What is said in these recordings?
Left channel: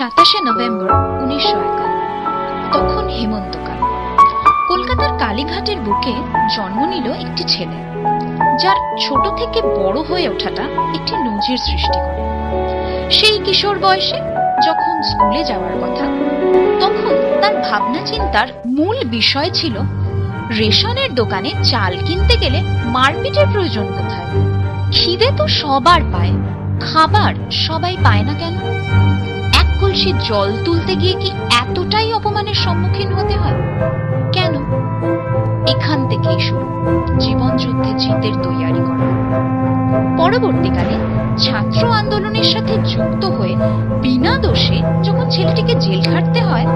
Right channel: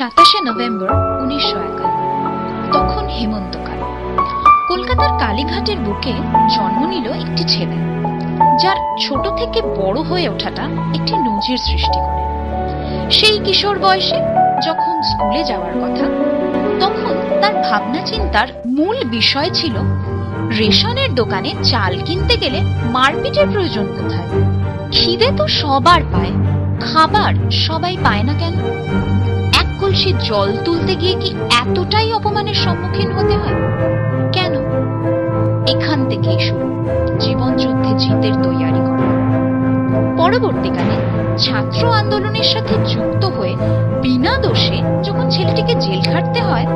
27শে November 1951। তখন হেমন্তকাল। কলকাতার কালীঘাটের বুকে জন্ম নিল একটি ছেলে, যার ছোট থেকে বড় হয়ে ওঠাটা একটি নজির সৃষ্টি করে। সেই কিশোর বয়সে যখন স্কুলে যাওয়ার কথা, তখন তার ভাবনা চিন্তার মূল বিষয় ছিল রেশনের দোকানে চাল কিনতে গেলে মারপিটের প্রয়োজন কোথায়? খিদে তো সবার পায়, খাবার সবাই পায় না কেন? এক কলসি জল তুলতে গিয়ে কি এতটাই অপমানের সম্মুখীন হতে হয় কেন? এখান থেকেই শুরু জীবন যুদ্ধে জিতের তৈয়ারি করা। পরবর্তীকালে ছাত্র আন্দোলনের সাথে যুক্ত হয়ে বিনা দোষে যখন ছেলেটিকে জেল খাটতে হয়,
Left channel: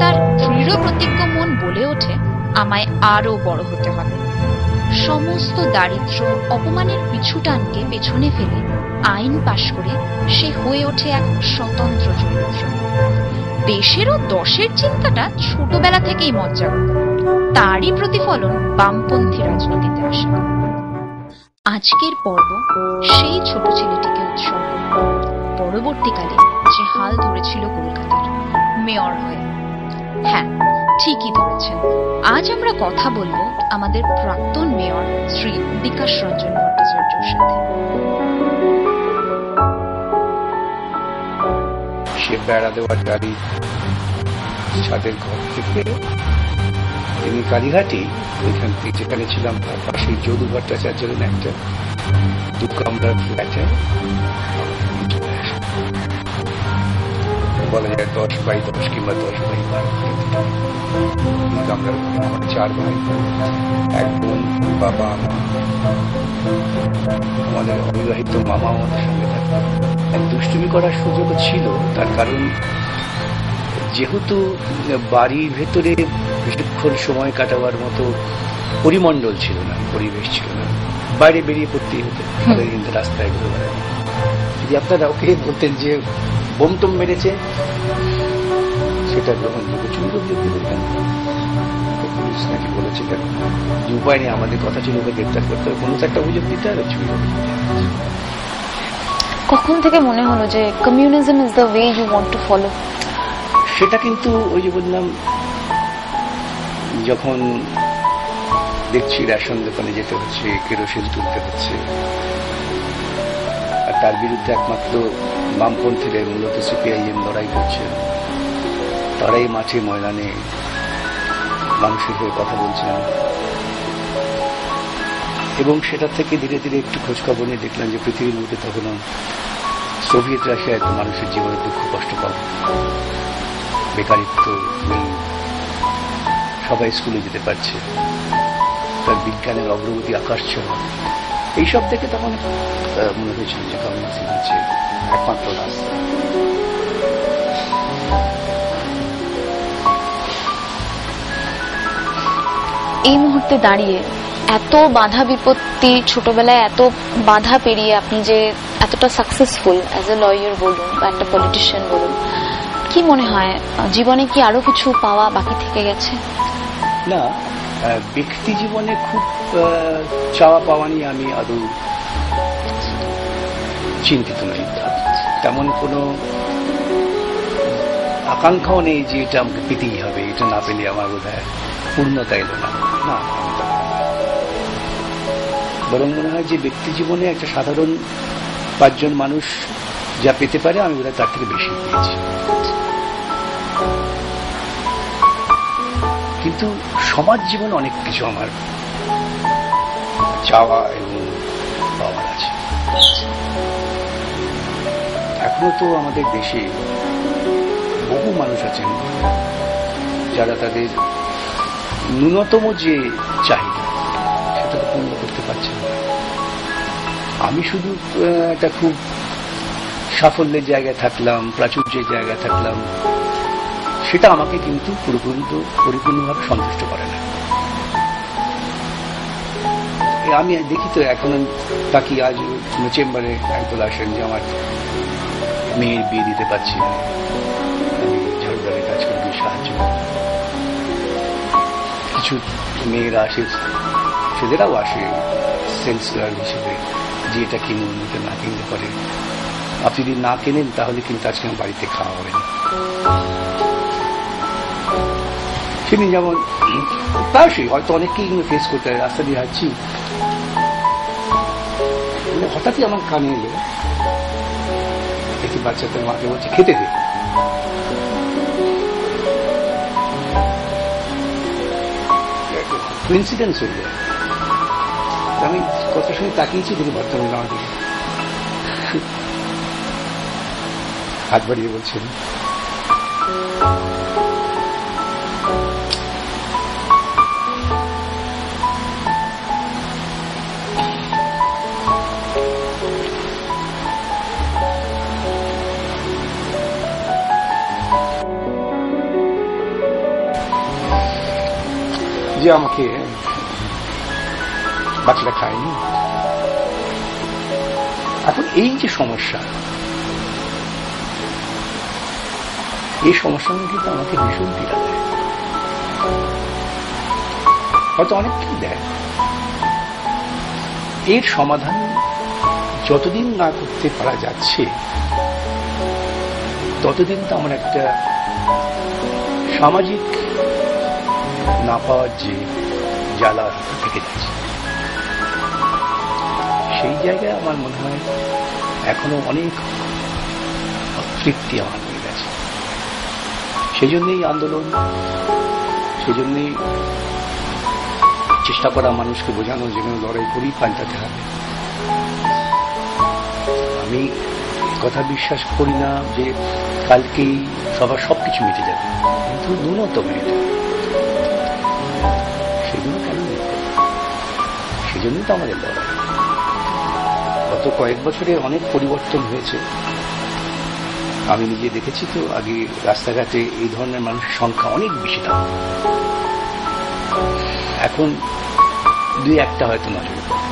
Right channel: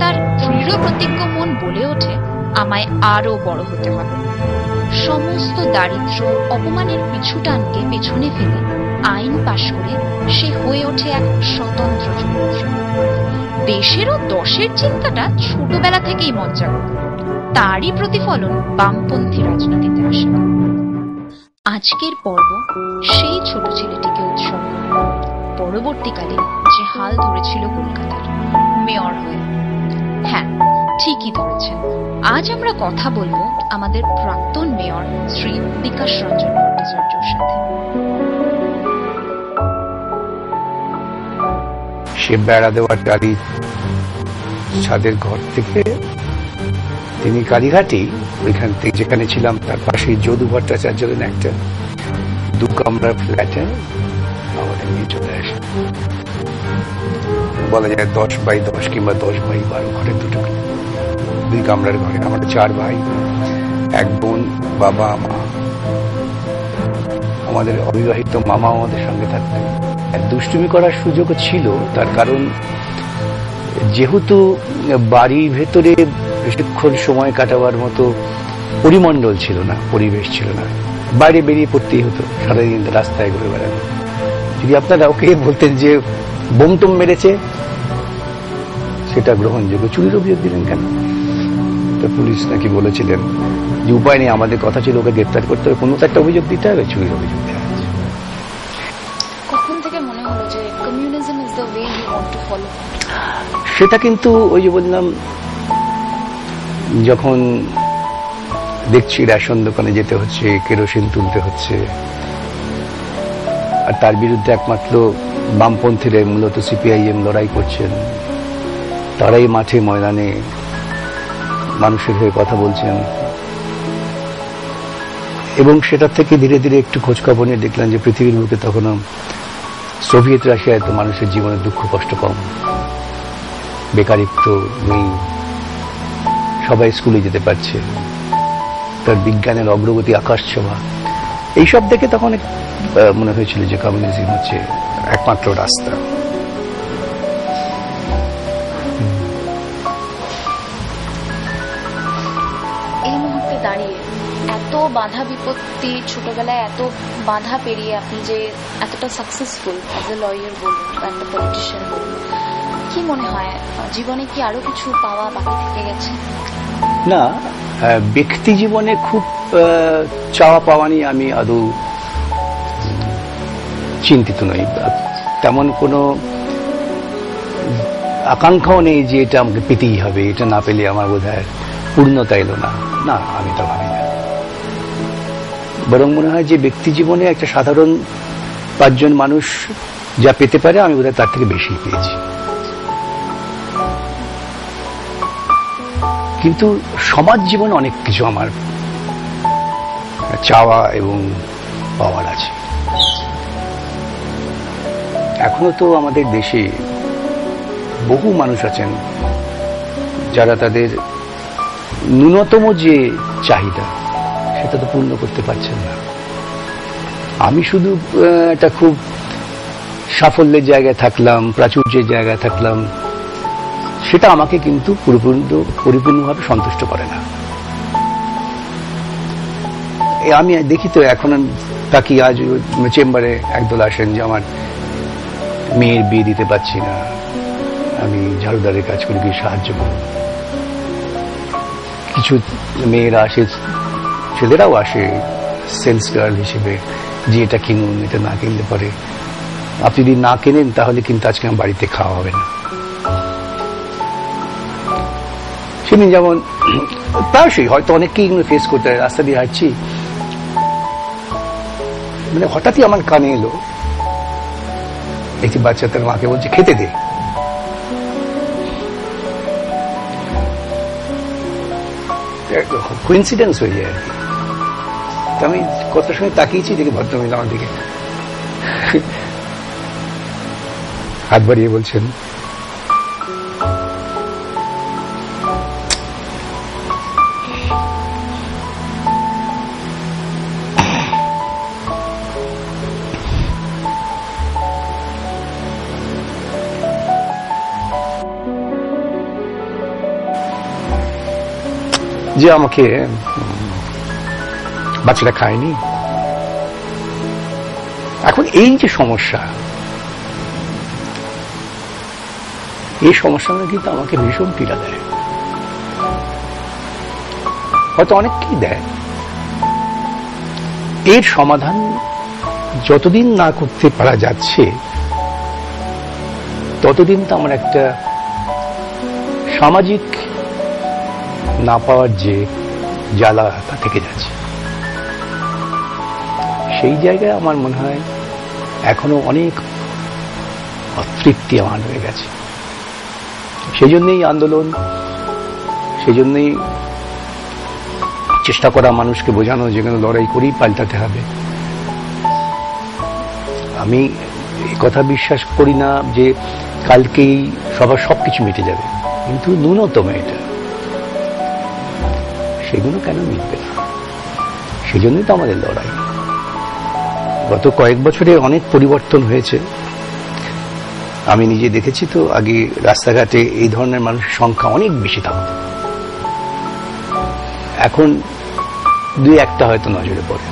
তার দৃঢ় প্রতিজ্ঞ মন বলে ওঠে, আমায় আরো বড় হতে হবে। সমস্ত দারিদ্র অপমানের পিছুটানকে পেছনে ফেলে আইন পাশ করে সে হয়ে ওঠে এক স্বতন্ত্র চরিত্র। দেশেরও দশের চিন্তাটা ছোটবেলা থেকেই মজ্জাগত, তারই প্রতিফলন বামপন্থী রাজনীতিতে আসা। আজকের পর্ব সেই ছোট ছেলেটিকে উৎসর্গ, পরবর্তীকালে যে হাল ধরেছিল কলকাতার মেয়র হয়ে। হ্যাঁ, ঠিকই ধরেছেন, আজ আমরা কথা বলবো আমাদের প্রাক্তন মেয়র শ্রী বিকাশ রঞ্জন ভট্টাচার্যের সাথে। সে বেড়া দেওয়ার গাড়ি ছাদের ঘর থেকে তিনি কালীঘাটে, ওইখান থেকে যেখানে ছিলাম তার পাশে যদু ভট্টাচার্যের একটা 2 কামরার ফ্ল্যাটে চলে আসে। বলা যায় 10x10 কিংবা 10x12 ঘরের 2 কামরার ঘরে। আমরা 4 ভাই, 1 বোন, বাবা মা। আমাদের অবিবাহিত মামা আমাদের সঙ্গে থাকতেন। দুষ্টুমি করার সুযোগও ছিল, তার কারণ যেহেতু বাড়ির ভেতরে বেশিক্ষণ সময় কাটাবার মতো পরিমণ্ডল ছিল না, পরিবেশ ছিল না, বাইরে বেরিয়ে পড়তেই হতো, সারাদিন রাস্তায় ঘুরে বেড়ানো। যদি আপনারা ওকে বলতেন যে বোমটম মেরেছে, সেটা গ্রহণযোগ্য। চুরির অভিযোগ দিলেন কেন? তো পুলিশ নাকি বলেছিলেন যে উপায় নেই, আমাদের কথা ছিল ওকে গ্রেপ্তার করতে হবে, কোনো একটা অভিযোগ দিতে হবে, চুরির অভিযোগ। কখন থেকে মনে হলো যে communism is the way you want to follow? সেটা কিন্তু ওই যে বললাম, যখন দেখছি রেশন দোকানে যেতে হচ্ছে, কেরোসিন তুলতে হচ্ছে, আর তার বিরুদ্ধে একমাত্র বামপন্থীরা, মূলত সিপিআইএম লড়াই করছেন, তারাই মাঠে ময়দানে মানুষের হয়ে কথা বলছেন। এবং সেটা থেকে ধীরে ধীরে একটু খোঁজখবর নিয়ে দেখলাম যে পৃথিবীর বুকে তখনও সোভিয়েত রাশিয়ায় তো মানুষের জীবনে দুঃখ কষ্ট কম, বেকারিত্ব নেই, সবাই স্কুলে যেতে পারছে, তার বিজ্ঞানের অগ্রগতি আকাশ ছোঁয়া। এইসব দেখে তখন মনে হয়েছিল যে কমিউনিজম হচ্ছে একমাত্র রাস্তা। এই মুহূর্তে দাঁড়িয়ে এত বাধা বিপত্তি, ছোটবেলায় এত বাধা পেরিয়ে আপনি যে এতটা সাকসেসফুল অ্যাজ এ লয়ার বলুন বা একটা পলিটিশিয়ান বলুন, কি মনে হয় জীবনে কি আরো কিছু পাওয়া বাকি থেকে গেছে? না, ব্যক্তি জীবনে খুব চাওয়া পাওয়া নিয়ে আমি আদৌ চিন্তিত নই। তেমন কোনো আকাঙ্ক্ষাও নেই যে এটা আমাকে পেতেই হবে, এটা না পেলে আমার বোধহয় পূর্ণতা এলো না। না, আমি তো ভাবি না। বরং মনে হয় যে ব্যক্তি জীবনে একটা সাধারণ 5 জন মানুষ যা পেতে পারে, আমি বোধহয় তার থেকে বেশি পেয়েছি। কিন্তু সমাজ জীবনে অনেক কিছু আমার চাওয়া এবং পাওয়ার আছে। এখনো তো আমাদের দেশে বহু মানুষ আছেন যারা তাদের ন্যূনতম যে চাহিদা সেটা তো পূর্ণ করতে পারছেন না। আমি শুধু একটা খুব সাফল্যের জায়গায় থাকলাম, প্রাচুর্যের জায়গায় থাকলাম, সেটা আমাকে কিন্তু পরিপূর্ণভাবে সন্তুষ্ট করে না। আমি দেখি তো এখন তাকে, আজ চেম্বারে একদল আসেন যে আমার মেয়ের বিয়ে দিতে পারছি না, আমি ঝাড়ুদারের কাজ করে গিয়ে সাহায্য করি। কিছু মেয়েরা আসে, ছেলেরাও আসে সেলস গার্ল হিসেবে, যে এটা কিনুন, এটা না কিনতে পারে আপনি যদি না কেনেন তাহলে কিন্তু আজকে আমার বাড়িতে খাওয়া হবে না। সেদিন যেমন প্রায়শই হয়তো অনেককেই ফেস করতে হয়, রাস্তা দিয়ে হাঁটছি, মানে হঠাৎই আমার কানে এলো একটি বাচ্চা তার মাকে বলছে খেতে দে। কোইন্সিডেন্স হয়ে যায়। আমি কত সময় তাকিয়েছি দেখি ভদ্রমহিলা আমার দিকে হাত বাড়িয়ে বলছেন যে আমাকে বাচ্চাটা খায়নি। এখন এই যে সমস্যা, এই সমস্যাটা কিন্তু আমাকে ভীষণ পীড়া দেয়, হয়তো অনেককেই দেয়। এর সমাধান যতদিন না করতে পারা যাচ্ছে ততদিন তো আমার একটা সামাজিক না পাওয়ার যে জ্বালা তা থেকে যাচ্ছে। সেই জায়গায় আমার মনে হয় এখনো অনেক অতৃপ্তি আমার হয়ে গেছে। সেই জন্যই আন্দোলন, সেই জন্যই চেষ্টা করা মানুষকে বোঝানো যে লড়াই করেই পাল্টাতে হবে। আমি কথা বিশ্বাস করি না যে কালকেই সবার সবকিছু মিটে যাবে, কিন্তু ন্যূনতম এটা সেগুলো কেন মিটবে? সেই জন্যই তো আমাদের লড়াই। গত কয়েক বছরে অনেক পরিবর্তন হয়েছে। আমি নিজে দেখেছি তো, আগে রাস্তাঘাটে এই ধরনের মানুষের সংখ্যা অনেক বেশি থাকত, এখন দুই একটা হয়তো নজরে পড়ে,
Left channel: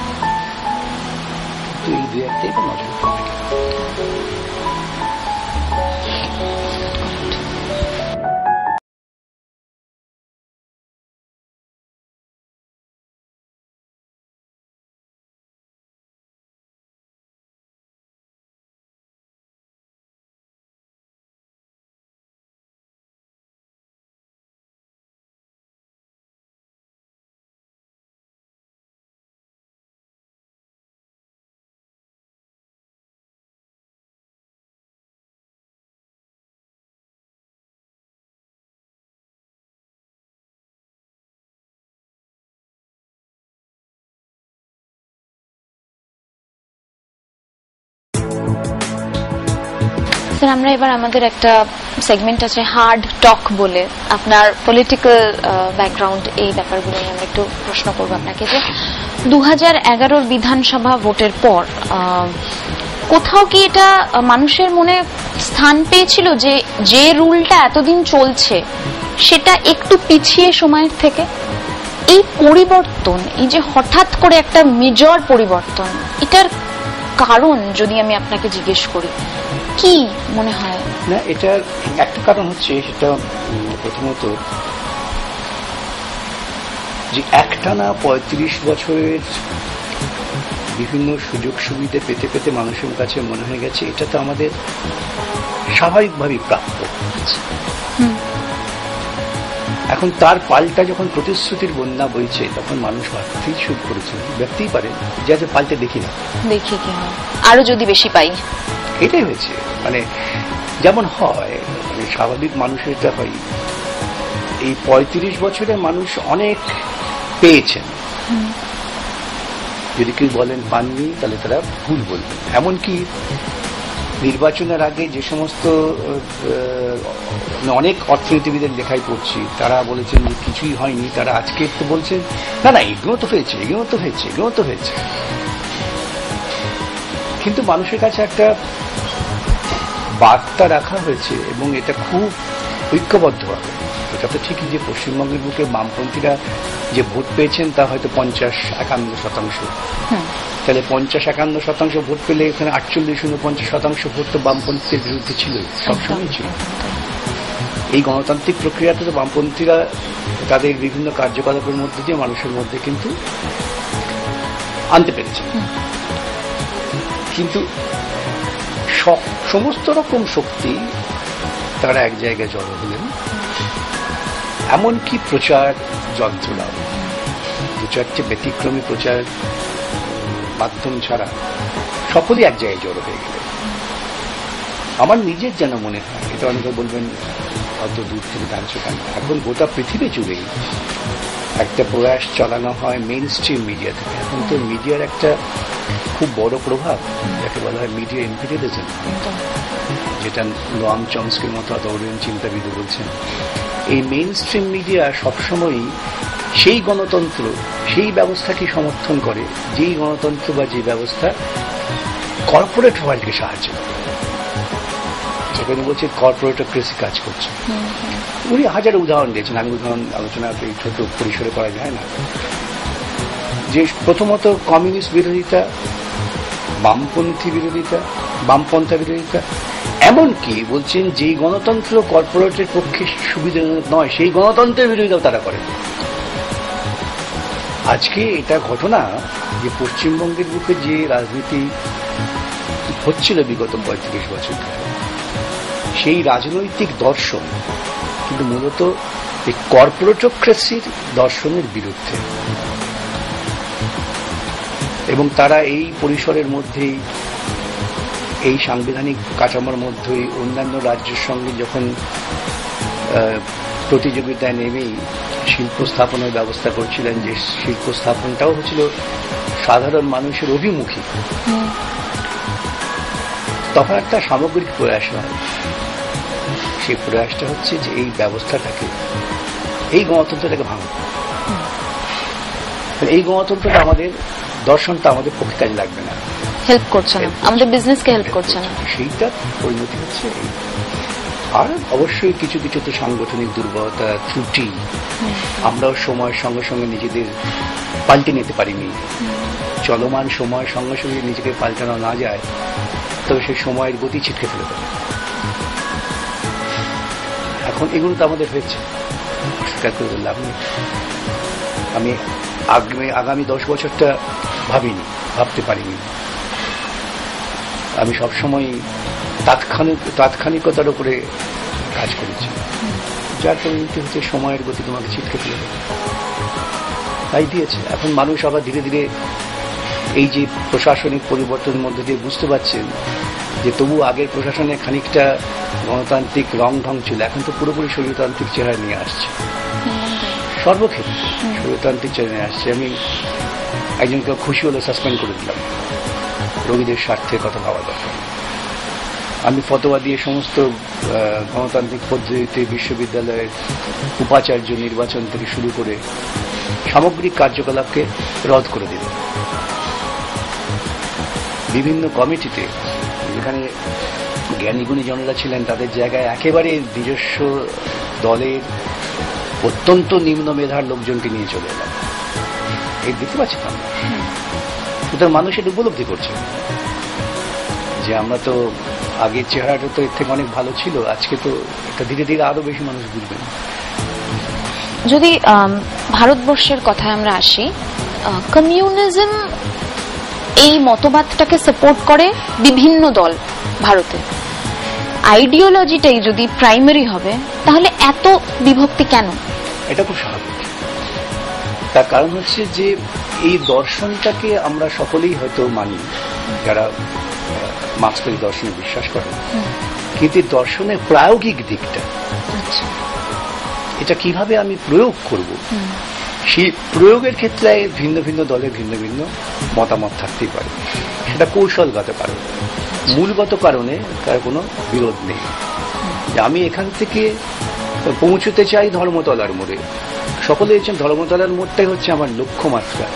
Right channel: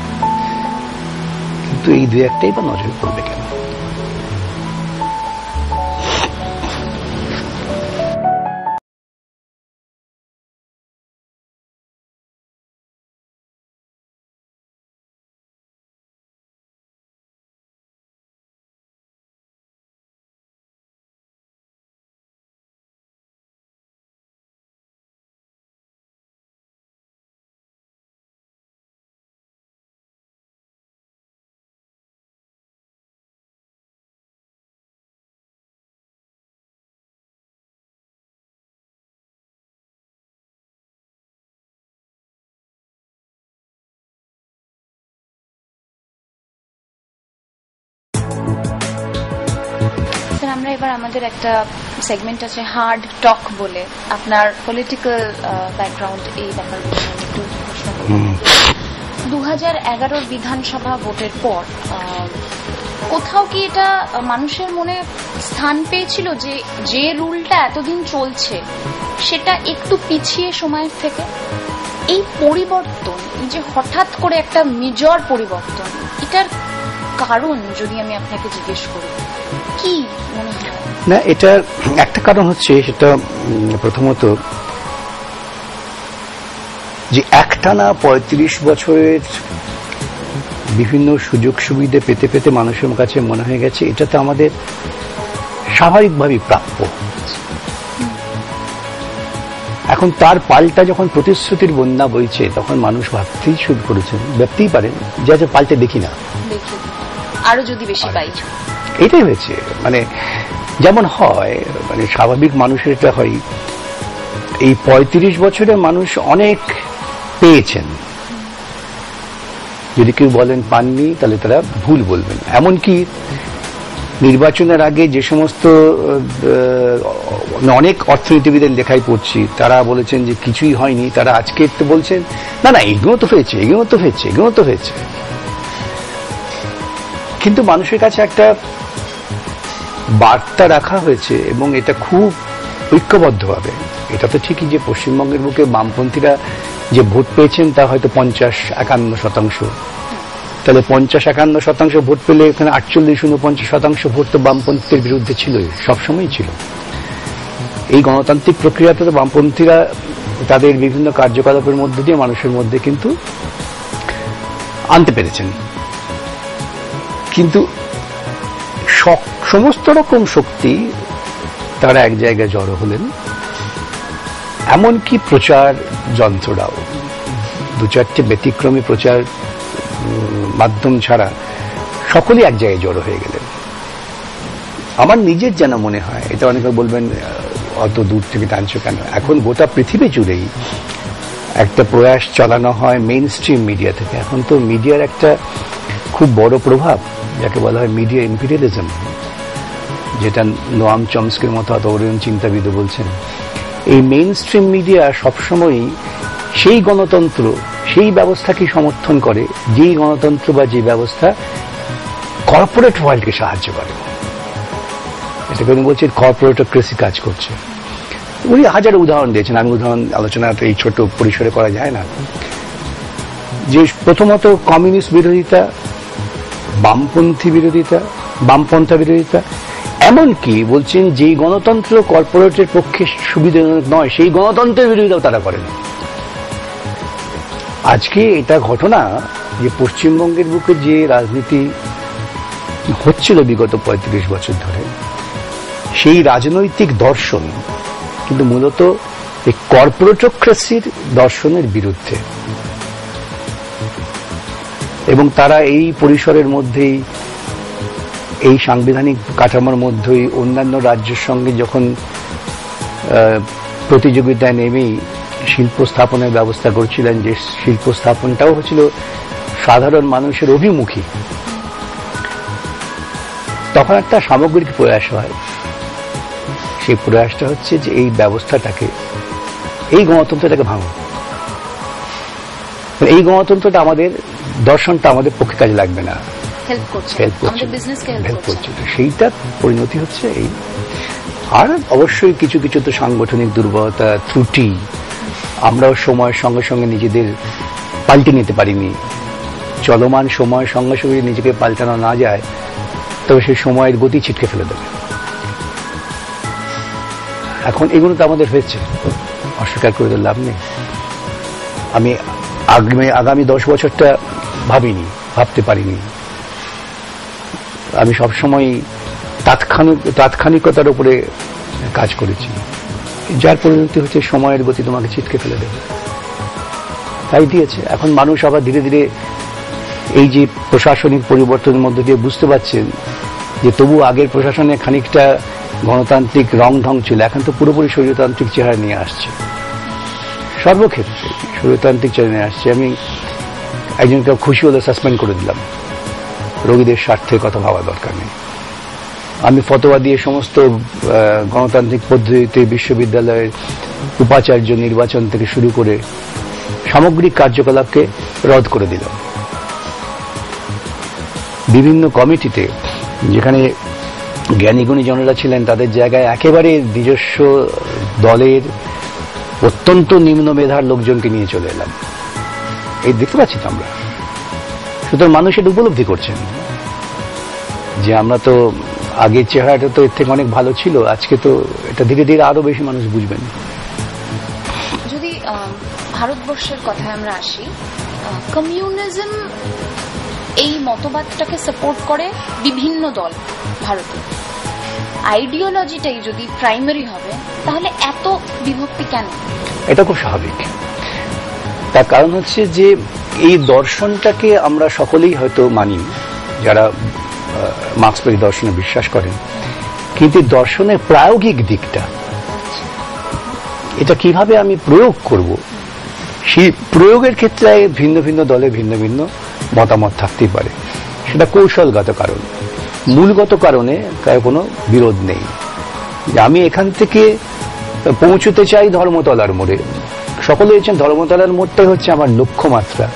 কিন্তু এই দুই একটাই তো নজরে পড়বে কেন? স্যার, আমরা এবার আমাদের একটা সেগমেন্ট আছে হার্ড টক বলে। আপনার পলিটিক্যাল ব্যাকগ্রাউন্ড, এই ব্যাপারগুলো আমি একটু প্রশ্ন করবো আপনাকে। 2011 বিধানসভা ভোটের পর কোথাও কি এটা মানুষের মনে স্থান পেয়েছিল যে যে রুলটা এতদিন চলছে সেটা একটু পিছিয়ে সময়ের থেকে? এই পরিবর্তন, এই যে হঠাৎ করে একটা মেজর পরিবর্তন, এটার কারণ যদি আমি আপনাকে জিজ্ঞেস করি কি মনে হয়? না, এটার একটা কারণ হচ্ছে, সেটা প্রথমত যে একটানা 35 বছরের বিভিন্ন সুযোগ সুবিধা পেতে পেতে মানুষের কাছে মনে হয়ে গেছে এটা তো আমাদের স্বাভাবিকভাবেই প্রাপ্য। এখন তার পাল্টা যখন প্রতিশ্রুতির বন্যা বইছে তখন মানুষ ভাবতেই শুরু করেছে, ভাবতেই পারেন যে পাল্টে দেখি না, দেখি আরো যদি বেশি পাই। এটাই হয়েছে, মানে যেমন হয়, মানে স্বাভাবিক মানুষের এটা হয়। এই 35 বছরে মানুষ অনেক পেয়েছেন, যদি কেউ বলেন পাননি তাহলে তারা ভুল বলবেন। এমনকি নির্বাচনের আগে যে সমস্ত অনেক অর্থনীতিবিদের লেখাই পড়ছি, তারা বলেছেন যে কিছুই হয়নি, তারা আজকে একটু বলছেন না না এগুলো তো হয়েছে, এগুলো তো হয়েছে, এগুলো তো হয়েছে। কিন্তু মানুষের কাছে একটা বার্তা রাখা হয়েছে এবং এটা খুব ঐক্যবদ্ধভাবে। এটা তো ঠিকই যে পশ্চিমবঙ্গের বুকে বামপন্থীরা যে ভোট পেয়েছেন তা হয়তো 50-51%। তাহলে 50-51% ভোট পেলে এখানে 48-49% ভোট তো বামপন্থীদের বিরুদ্ধে ছিলই, সবসময় ছিল। এই গণতান্ত্রিক প্রক্রিয়াতে তো বামপন্থীরা তাদের বিভিন্ন কার্যকলাপের মধ্যে দিয়ে মানুষের মধ্যে কিন্তু আনতে পেরেছেন। কিন্তু সমস্ত রকম শক্তি তারা এক জায়গায় জড়ো হলেন, এমনকি প্রচার যন্ত্ররাও 2-4টে ব্যতিক্রমী প্রচার মাধ্যম ছাড়া সকলেই এক জায়গায় জড়ো হয়ে গেলেন। আমার নিজের যেন মনে হয়, এটা অনেকে বলবেন অত দূর থেকে টানছে কেন, এখন গোটা পৃথিবী জুড়েই একটা প্রয়াস চালানো হয় মেইন স্ট্রিম মিডিয়া থেকে। এখন তো মিডিয়ার একটা খুব বড় প্রভাব, যাকে বলা হয় মিডিয়া ইম্পিরিয়ালিজম, যেটা নোয়াম চমস্কির মতো অতরিয়ন চিন্তাবিদ বলছেন। এই মেইন স্ট্রিম মিডিয়া সবসময়ই সেই গণতন্ত্র, সেই ব্যবস্থাকে সমর্থন করে যেই গণতন্ত্র বা যে ব্যবস্থা কর্পোরেট ওয়ার্ল্ডকে সাহায্য করে। সেখানে বলছে কর্পোরেটক্রেসি কাজ করছে। উনি হাজার উদাহরণ দিয়েছেন, আমি উদাহরণ আলোচনাটা এই ছোট পরিসরে করা যায় না। যে প্রথমত কমিউনিস্ট বিরোধিতা, বামপন্থী বিরোধিতা, বামপন্থা বিরোধিতা, এমনকি বলছেন যেই গণতন্ত্র কর্পোরেটের পক্ষে সুবিধাজনক নয় সেই গণতন্ত্রের বিরোধিতাও তারা করেন। আজকে এটা ঘটনা যে পশ্চিমবঙ্গের বুকে যে রাজনীতি হচ্ছিল বিগত 35 বছর ধরে, সেই রাজনৈতিক দর্শন কিন্তু মূলত এই কর্পোরেটক্রেসির দর্শনের বিরুদ্ধে, এবং তারা এই পরিসরের মধ্যেই, এই সাংবিধানিক কাঠামোর মধ্যেই অন্যান্য রাজ্যের সঙ্গে যখন প্রতিযোগিতায় নেমেই শিল্প স্থাপনের ব্যবস্থা করছিলেন, যে শিল্প স্থাপনটাও হচ্ছিল সাধারণ মানুষের অভিমুখী, তখন একটা সামগ্রিক প্রয়াস হয়। সেই প্রয়াসটা হচ্ছে যে এই ব্যবস্থাটাকে, এই গণতন্ত্রটাকে ভাঙব, এই গণতন্ত্রটা আমাদের, দর্শনটা আমাদের পক্ষে কাজে লাগবে না, হেল্প করছে না, আমাদের বিজনেসকে হেল্প করছে না, সেইটা পরিণতি হচ্ছে এই। আর অবশ্যই কিছু কিছু তো সাংগঠনিক দুর্বলতা, ত্রুটি, আমরাও সময়ের সঙ্গে সঙ্গে নিজেদের পাল্টে নিতে পারিনি। চলমান সময়ের সঙ্গে সঙ্গে নিজেকে পাল্টানো না যায় তবে সেই সময়ের গতি ছিটকে ফেলে দেবে। এখন এগুলো তো আমাদের হয়েছে, অস্বীকার করে লাভ নেই। আমি আগামী 10 বছরটা ভাবতে পারিনি। আমি সবসময় তাৎক্ষণিকতার উপরে কাজ করেছি, যার পরিণতি হচ্ছে সময়ের গতি তোমাকে ছিটকে ফেলে দেবে, তাই দিয়েছে। এখন মানুষ আবার ধীরে ধীরে এই যে প্রশাসনিক পরিবর্তনের মধ্যে দিয়ে বুঝতে পারছেন যে তবু আগের প্রশাসনে খানিকটা গণতান্ত্রিক রং ঢং ছিল, এখন তো পুরোপুরি স্বৈরতান্ত্রিক চেহারা নিয়ে আসছে, সর্বক্ষেত্রে স্বৈরতান্ত্রিক চেহারা নিয়ে আসছে। আমি একজনকে খুশি হলে সাসপেন্ড করে দিলাম, রোগীদের স্বার্থের কথা ভাবা দরকার নেই। আমি ফতোয়া দিয়ে সমস্ত গণতান্ত্রিক পদ্ধতিতে বিশ্ববিদ্যালয়ের উপাচার্য নির্বাচন থেকে শুরু করে সামগ্রিক কার্যকলাপকে রদ করে দিলাম। বিভিন্ন কমিটিতে যেখানে জ্ঞানীগুণী জনেরা ছিলেন তাদের জায়গায় একেবারে নিজস্ব দলের অত্যন্ত নিম্ন মেধার লোকজনকে নিয়ে চলে এলাম। এই দেখতে পাচ্ছি তো আমরা, সুতরাং মানুষ এটা উপলব্ধি করছেন যে আমরা তো আগের চেহারাটা তো এর থেকে অনেক ভালো ছিল, আজকে তো এটা ধীরে ধীরে আরো বেশি মানুষ বুঝবেন। যদি ভারতবর্ষের কথায় আমরা আসি, কমিউনিজম এই মতবাদটাকে সাপোর্ট করে বিভিন্ন দল ভারতে। আইডিওলজিটাই যদি প্রাইমারি হবে তাহলে এত বিভক্তি কেন? এটা খুব স্বাভাবিক। তার কারণ হচ্ছে যে এই দর্শনটাকে আমরা সকলেই হয়তো মানি, যারা মার্ক্সবাদী দর্শনে বিশ্বাস করেন, কিন্তু দর্শনের প্রায়োগিক দিকটা, এটা কিভাবে আমি প্রয়োগ করব, সেই প্রয়োগের ক্ষেত্রে ভিন্ন ভিন্ন দলে ভিন্ন ভিন্ন মতামত থাকতেই পারে। সেটা কৌশলগত কারণ, মূলগত কারণে তার কোনো বিরোধ নেই। আমি এখান থেকে পৌঁছতে চাই ধর্মতলার মোড়ে, সকলে হচ্ছেন ধর্মতলার মোড়টাই হচ্ছে আমার লক্ষ্যমাত্রা।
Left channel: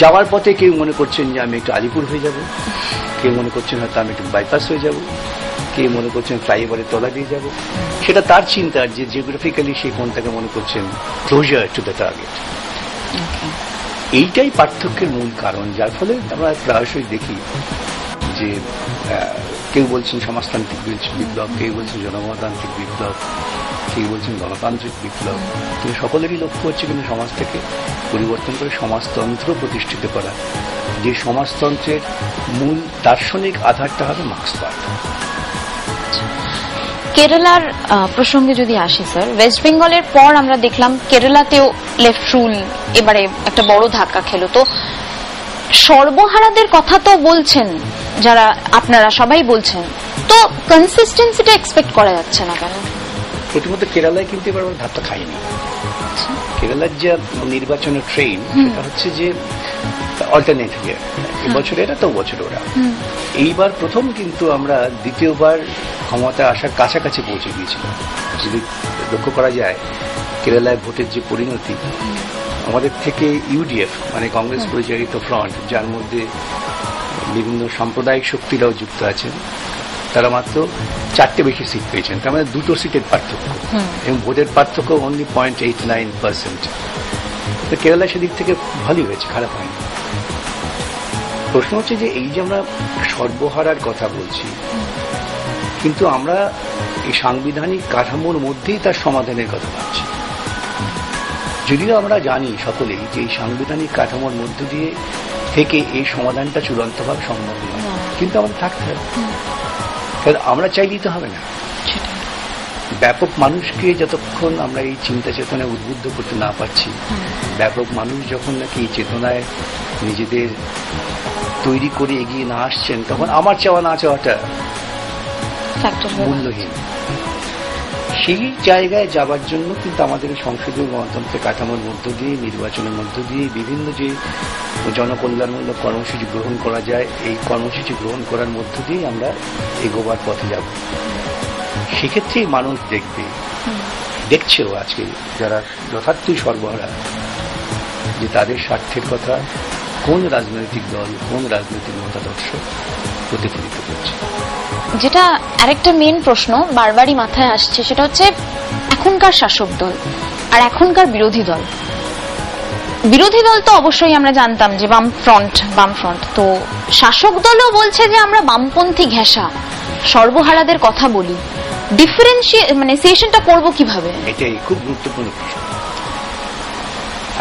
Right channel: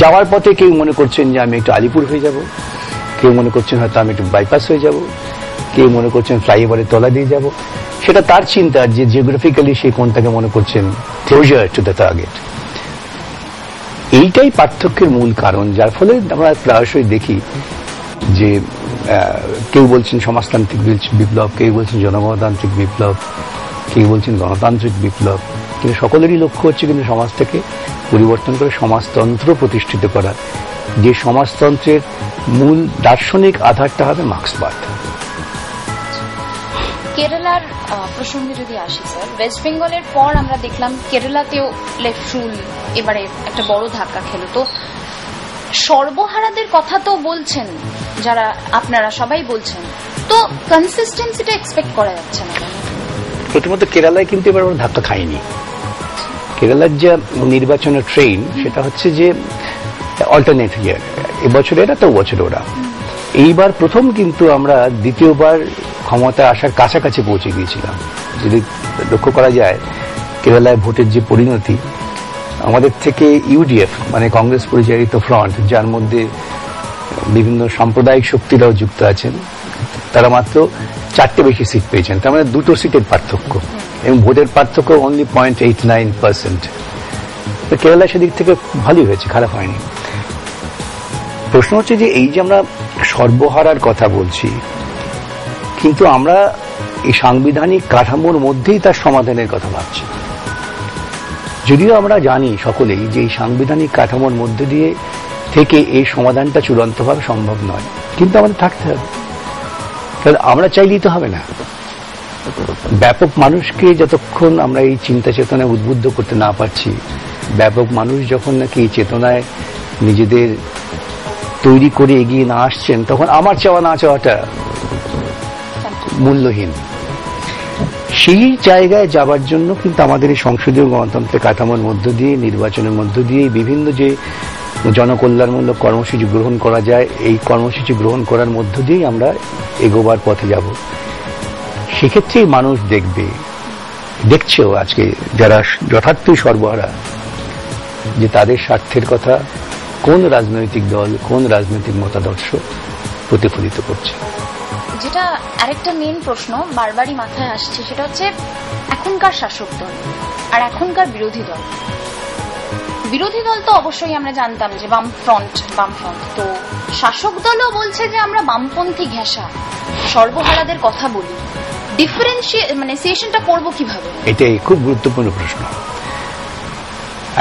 যাওয়ার পথে কেউ মনে করছেন যে আমি একটু আলিপুর হয়ে যাব, কেউ মনে করছেন হয়তো আমি একটু বাইপাস হয়ে যাব, কেউ মনে করছেন ফ্লাইওভারের তলা দিয়ে যাব। সেটা তার চিন্তা যে জিওগ্রাফিক্যালি সে কোনটাকে মনে করছেন ক্লোজার টু দ্য টার্গেট। এইটাই পার্থক্যের মূল কারণ, যার ফলে আমরা প্রায়শই দেখি যে কেউ বলছেন সমাজতান্ত্রিক বিপ্লব, কেউ বলছেন জনগণতান্ত্রিক বিপ্লব, কেউ বলছেন গণতান্ত্রিক বিপ্লব, কিন্তু সকলেরই লক্ষ্য হচ্ছে কিন্তু সমাজটাকে পরিবর্তন করে সমাজতন্ত্র প্রতিষ্ঠিত করা, যে সমাজতন্ত্রের মূল দার্শনিক আধারটা হবে মার্ক্সবাদ। কেরালার প্রসঙ্গে যদি আসি স্যার, ওয়েস্ট বেঙ্গলের পর আমরা দেখলাম কেরালাতেও লেফট রুল এবারে একটা বড় ধাক্কা খেলো। তো সর্বহারাদের কথা তো বলছেন যারা, আপনারা সবাই বলছেন, তো কনসিস্টেন্সিটা এক্সপেক্ট করা যাচ্ছে না কেন? প্রথমত কেরালায় কিন্তু এবার আমরা ধাক্কা খাইনি। কেরালার যে নির্বাচনের ট্রেন সেটা হচ্ছে যে অল্টারনেট ইয়ার, এবছর এরা তো বছর ওরা। এইবার প্রথম কিন্তু আমরা দ্বিতীয়বার ক্ষমতায় আসার কাছাকাছি পৌঁছে গিয়েছিলাম। যদি লক্ষ্য করা যায় কেরালায় ভোটের যে পরিণতি, আমাদের থেকে ইউডিএফ মানে কংগ্রেস পরিচালিত ফ্রন্ট, যার মধ্যে বিভিন্ন সাম্প্রদায়িক শক্তিরাও যুক্ত আছেন, তারা মাত্র 4টে বেশি সিট পেয়েছেন, তার মানে 2টো সিটের পার্থক্য, এবং ভোটের পার্থক্য অনলি 0.89%। কেরালা সেদিক থেকে ভালোই হয়েছে, খারাপ হয়নি। প্রশ্ন হচ্ছে যে এই যে আমরা সর্বহারার কথা বলছি, কিন্তু আমরা এই সাংবিধানিক কাঠামোর মধ্যেই তার সমাধানের কথা ভাবছি। যদিও আমরা জানি সকলেই যে এই সাংবিধানিক কাঠামোর মধ্য দিয়ে থেকে এই সমাধানটা চূড়ান্তভাবে সম্ভব নয়, কিন্তু আমাদের থাকতে হবে। তাহলে আমরা চাইলেই তো হবে না। ব্যাপক মানুষকে যতক্ষণ আমরা এই চিন্তা চেতনায় উদ্বুদ্ধ করতে না পারছি, ব্যাপক মানুষ যখন নাকি এই চেতনায় নিজেদের তৈরি করে এগিয়ে না আসছেন, তখন আমার চাওয়া না চাওয়াটা মূল্যহীন। সেই জায়গায় যাবার জন্য কিন্তু আমাদের এই সংসদীয় গণতন্ত্রের কাঠামোর মধ্য দিয়ে, নির্বাচনের মধ্য দিয়ে বিভিন্ন যে জনকল্যাণমূলক কর্মসূচি গ্রহণ করা যায়, এই কর্মসূচি গ্রহণ করার মধ্য দিয়েই আমরা এগোবার পথে যাব। সেক্ষেত্রেই মানুষ দেখবে, দেখছেও আজকে যারা যথার্থই সর্বহারা, যে তাদের স্বার্থের কথা কোন রাজনৈতিক দল, কোন রাজনৈতিক মতাদর্শ প্রতিফলিত করছে। যেটা আরেকটা মেইন প্রশ্ন বারবারই মাথায় আসছে, সেটা হচ্ছে এখনকার শাসক দল আর এখনকার বিরোধী দল। বিরোধী দল তো অবশ্যই আমরা জানতাম যে বামফ্রন্ট, তো শাসক দলও বলছে যে আমরা বামপন্থী ঘেঁষা সর্বহারাদের কথা বলি। ডিফারেন্সিয়েশনটা করবো কিভাবে? এটাই খুব গুরুত্বপূর্ণ প্রশ্ন।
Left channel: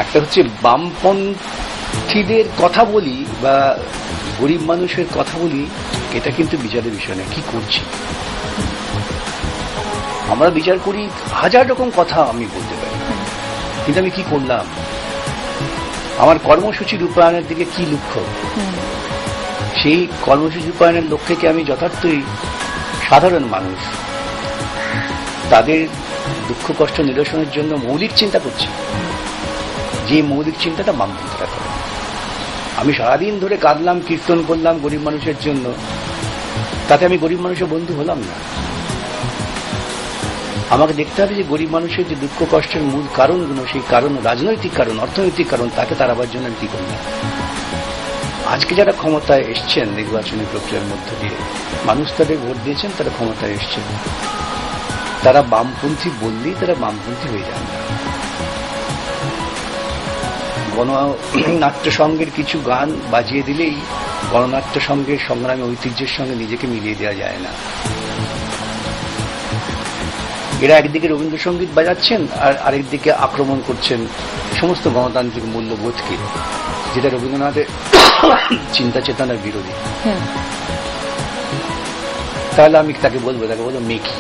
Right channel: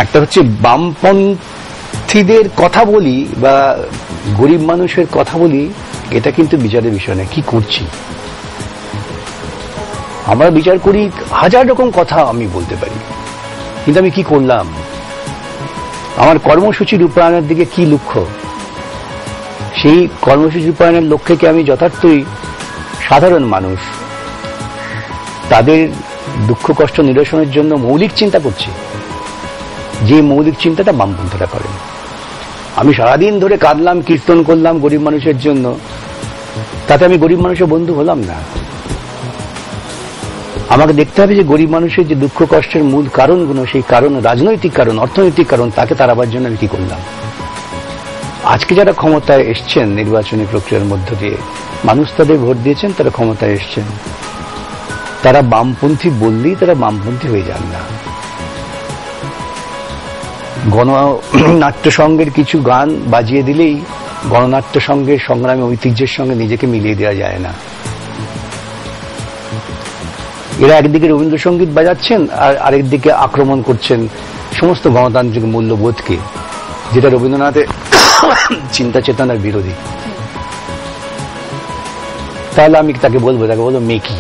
একটা হচ্ছে বামপন্থীদের কথা বলি বা গরিব মানুষের কথা বলি, এটা কিন্তু বিচারের বিষয় নয়। কি করছি আমরা? বিচার করি, হাজার রকম কথা আমি বলতে পারি, কিন্তু আমি কি করলাম? আমার কর্মসূচি রূপায়ণের দিকে কি লক্ষ্য? সেই কর্মসূচি রূপায়ণের লক্ষ্যে কি আমি যথার্থই সাধারণ মানুষ তাদের দুঃখ কষ্ট নিরসনের জন্য মৌলিক চিন্তা করছি? যে মৌলিক চিন্তাটা বামপন্থীরা করেন। আমি সারাদিন ধরে কাঁদলাম, কীর্তন করলাম গরিব মানুষের জন্য, তাতে আমি গরিব মানুষের বন্ধু হলাম না। আমাকে দেখতে হবে যে গরিব মানুষের যে দুঃখ কষ্টের মূল কারণগুলো, সেই কারণ রাজনৈতিক কারণ, অর্থনৈতিক কারণ, তাকে তাড়াবার জন্য আমি কি করলাম। আজকে যারা ক্ষমতায় এসছেন নির্বাচনী প্রক্রিয়ার মধ্য দিয়ে, মানুষ তাদের ভোট দিয়েছেন, তারা ক্ষমতায় এসছেন, তারা বামপন্থী বললেই তারা বামপন্থী হয়ে যান না। গণনাট্য সংঘের কিছু গান বাজিয়ে দিলেই গণনাট্য সংঘের সংগ্রামী ঐতিহ্যের সঙ্গে নিজেকে মিলিয়ে দেওয়া যায় না। এরা একদিকে রবীন্দ্রসঙ্গীত বাজাচ্ছেন আর আরেকদিকে আক্রমণ করছেন সমস্ত গণতান্ত্রিক মূল্যবোধকে, যেটা রবীন্দ্রনাথের চিন্তা চেতনার বিরোধী। তাহলে আমি তাকে বলবো মেকি।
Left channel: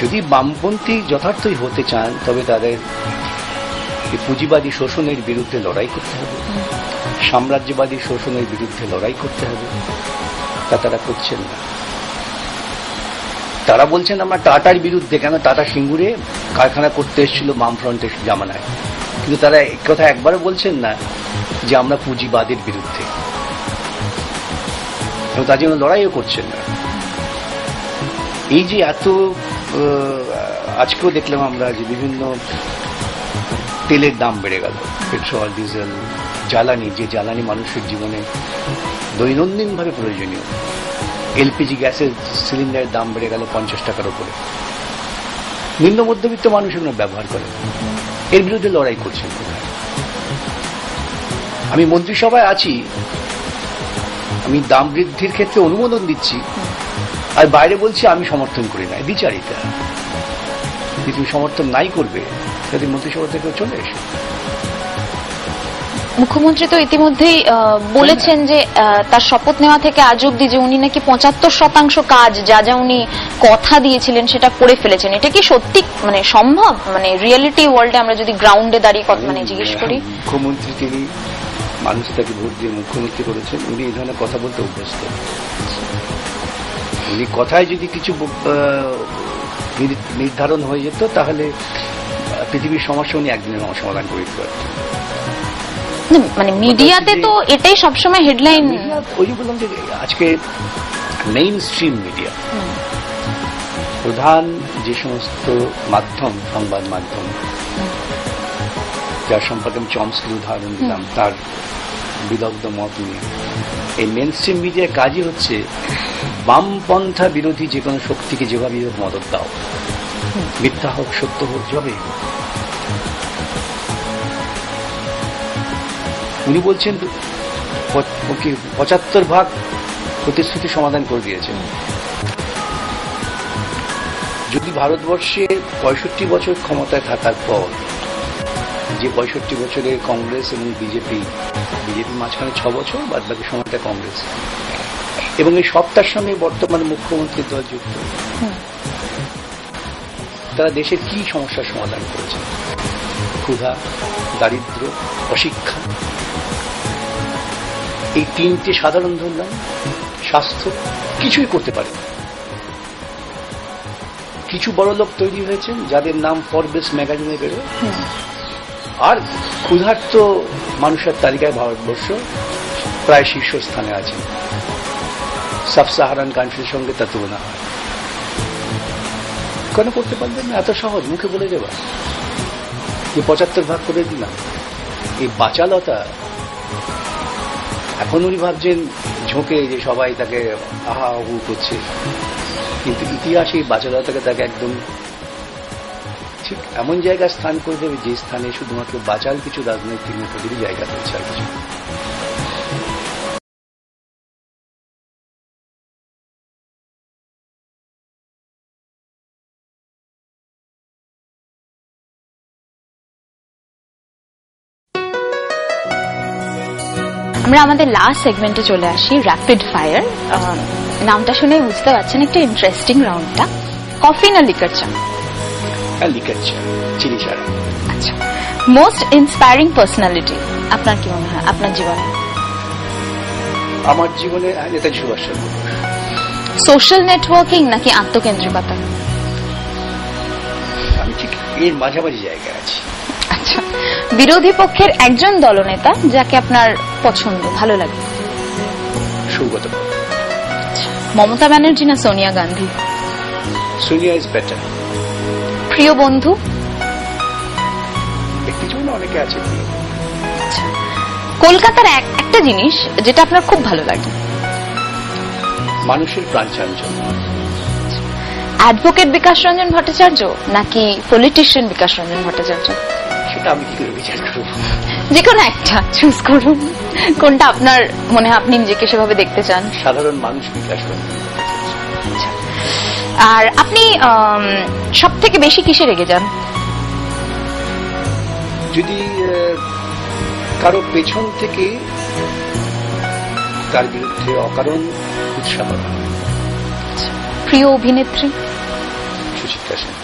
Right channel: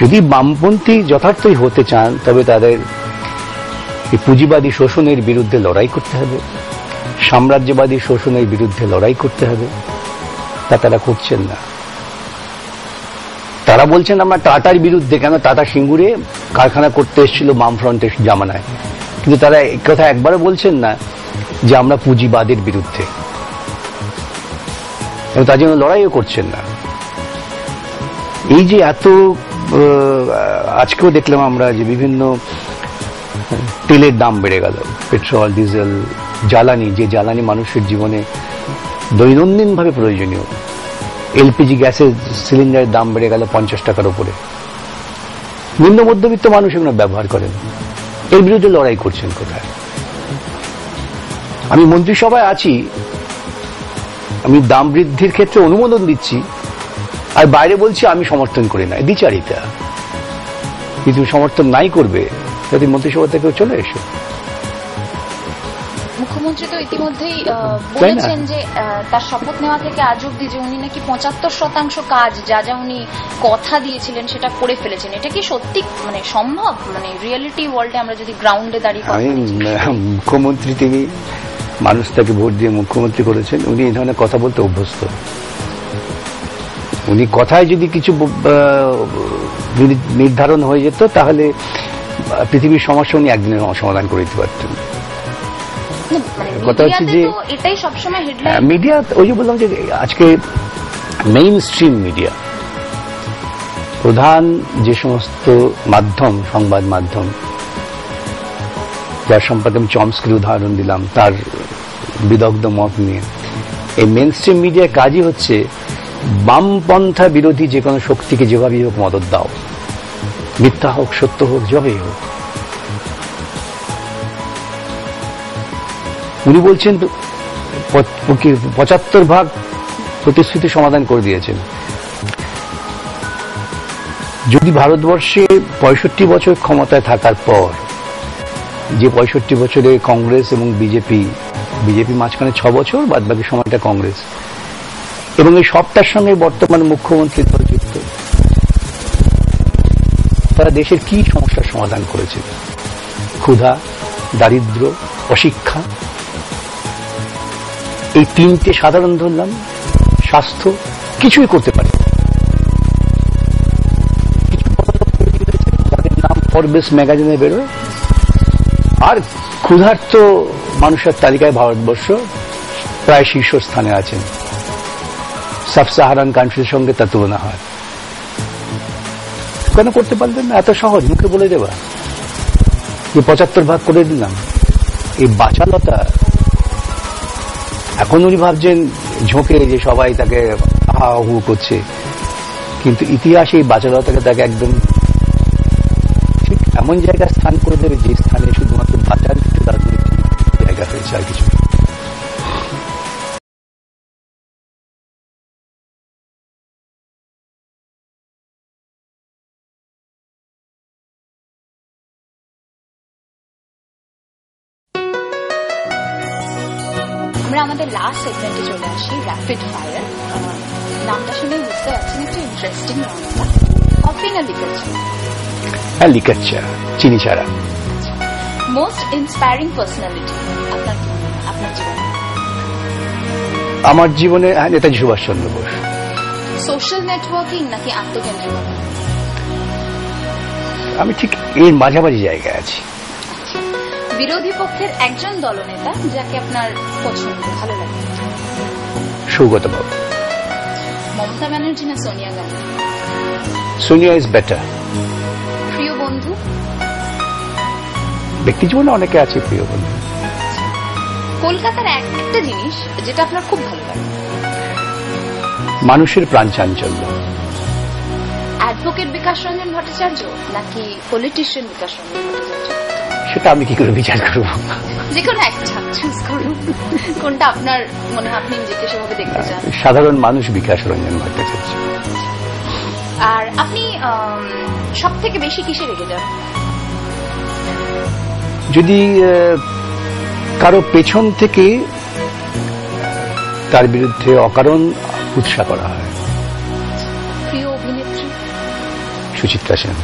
যদি বামপন্থী যথার্থই হতে চান, তবে তাদের পুঁজিবাদী শোষণের বিরুদ্ধে লড়াই করতে হবে, সাম্রাজ্যবাদী শোষণের বিরুদ্ধে লড়াই করতে হবে। তা তারা করছেন না। তারা বলছেন আমরা টাটার বিরুদ্ধে। কেন? টাটা সিঙ্গুরে কারখানা করতে এসেছিল বামফ্রন্টের জামানায়, কিন্তু তারা এই কথা একবারও বলছেন না যে আমরা পুঁজিবাদের বিরুদ্ধে, তার জন্য লড়াইও করছেন না। এই যে এত, আজকেও দেখলাম আমরা যে বিভিন্ন তেলের দাম বেড়ে গেল, পেট্রোল, ডিজেল, জ্বালানি, যে জ্বালানি মানুষের জীবনে দৈনন্দিন ভাবে প্রয়োজনীয়। এলপিজি গ্যাসের সিলিন্ডারের দাম বেড়ে গেল 50 টাকার উপরে। নিম্ন মধ্যবিত্ত মানুষ এগুলো ব্যবহার করেন, এর বিরুদ্ধে লড়াই করছেন কোথায়? আমি মন্ত্রিসভায় আছি, আমি দাম বৃদ্ধির ক্ষেত্রে অনুমোদন দিচ্ছি, আর বাইরে বলছি আমি সমর্থন করি না। দ্বিচারিতা। কিন্তু সমর্থন নাই করবে যদি মন্ত্রিসভা থেকে চলে এসে। মুখ্যমন্ত্রী তো ইতিমধ্যেই বলেছেন যে তার শপথ নেওয়া থেকে আজ অব্দি যে উনি নাকি 75% কাজ যা যা উনি কথা দিয়েছিলেন সেটা করে ফেলেছেন। এটা কি সত্যি মানে সম্ভব? মানে রিয়েলিটি ওয়ার্ল্ডে আমরা যদি গ্রাউন্ডে দাঁড়িয়ে কথা মানে জিজ্ঞেস করি। মুখ্যমন্ত্রী তিনি মানুষ তাকে ভোট দিয়ে মুখ্যমন্ত্রী করেছেন, উনি এই ধরনের কথা বলতে অভ্যস্ত। উনি কথায় যদি কিছু নির্ধারণ হয়ে যেত তাহলে পৃথিবীর সমস্যা উনি একদিনের সমাধান করে দিতে পারতেন। মানে মিডিয়াতে তো এটাই সবসময় হেডলাইন। মিডিয়া ওই যে বললাম যে আজকে মেইন স্ট্রিম মিডিয়া, প্রধান যে সমস্ত মাধ্যম, সংবাদ মাধ্যম, যার সম্পর্কে আমি চমস্কির উদাহরণ দিলাম, তার বিদগ্ধ মত নিয়ে, এই মেইন স্ট্রিম মিডিয়ার কাজই হচ্ছে বামপন্থা বিরোধী যে কোনো শক্তিকে যেভাবেই হোক মদত দাও, মিথ্যা হোক সত্য হোক যেভাবেই হোক। উনি বলছেন 75% প্রতিশ্রুতি সমাধান করে দিয়েছেন। যদি ভারতবর্ষে 65 বছর ক্ষমতায় থাকার পর, যে 65 বছরে কংগ্রেস এবং বিজেপি মাঝখানে 6 বছর, বাদ বাকি সময়টা কংগ্রেস, এবং এই সবটার সঙ্গে বর্তমান মুখ্যমন্ত্রী দল যুক্ত, তারা দেশের কি সমস্যার সমাধান করেছে? ক্ষুধা, দারিদ্র্য, অশিক্ষা, এই তিনটে সাধারণ ধরলাম, স্বাস্থ্য, কিছুই করতে পারে। কিছু বড় লোক তৈরি হয়েছে যাদের নাম ফরবেস ম্যাগাজিনে বেরোয়, আর ক্ষুধার্ত মানুষের তালিকায় ভারতবর্ষ প্রায় শীর্ষস্থানে আছেন। সাব সাহারান কান্ট্রির সঙ্গে তার তুলনা হয়। কেন করতে পারবেন না? এত সহজ মুখে বলে দেওয়া যে 75% করে দিলাম। এই বাচালতা, এখন উনি ভাবছেন ঝোঁকে যে সবাই তাকে হা হু করছে, কিন্তু ইতিহাসে এই বাচালতাকে তাকে একদম ঠিক এমন জায়গায় স্থান করে দেবে যে স্থানে শুধুমাত্র বাচাল কিছু রাজনৈতিক জায়গা পেয়েছে, আর কিছু। আমরা আমাদের লাস্ট সেগমেন্টে চলে আসি, র্যাপিড ফায়ার। নামটা শুনে বুঝতে পারছেন একটা ইন্টারেস্টিং রাউন্ডটা। কফি না লিকার চা? হ্যাঁ, লিকার চা, চিনি ছাড়া। আচ্ছা, মোস্ট ইন্সপায়ারিং পার্সোনালিটি আপনার কি মনে হয় আপনার জীবনে? আমার জীবনে নেতাজি সুভাষচন্দ্র বোস। সোশ্যাল নেটওয়ার্কিং নাকি আত্মকেন্দ্রিকতা? আমি ঠিক এর মাঝামাঝি জায়গায় আছি। আচ্ছা, বিরোধী পক্ষের একজন দলনেতা যাকে আপনার পছন্দ, ভালো লাগে? সৌগত বাবু। মমতা ব্যানার্জি না সোনিয়া গান্ধী? Sonia is better. প্রিয় বন্ধু? ব্যক্তি জীবনে অনেকে আছে প্রিয় বন্ধু। কলকাতার একটা জিনিস যেটা আপনার খুব ভালো লাগে? মানুষের প্রাণ চাঞ্চল্য। অ্যাডভোকেট বিকাশ রঞ্জন ভট্টাচার্য নাকি পলিটিশিয়ান বিকাশ রঞ্জন ভট্টাচার্য? সেটা আমি কি করে বিচার করব? যে কোনো একটা চুজ করুন, কোনটা আপনার মনে হয় আপনি নিজেকে সেভাবে দেখতে চান? সাধারণ মানুষ বিকাশ রঞ্জন ভট্টাচার্য। আর আপনি সব থেকে বেশি কিসে রেগে যান? যদি কারো পেছন থেকে তার বিরুদ্ধে অকারণ উৎসাহ করা হয়। প্রিয় অভিনেত্রী? সুচিত্রা সেন।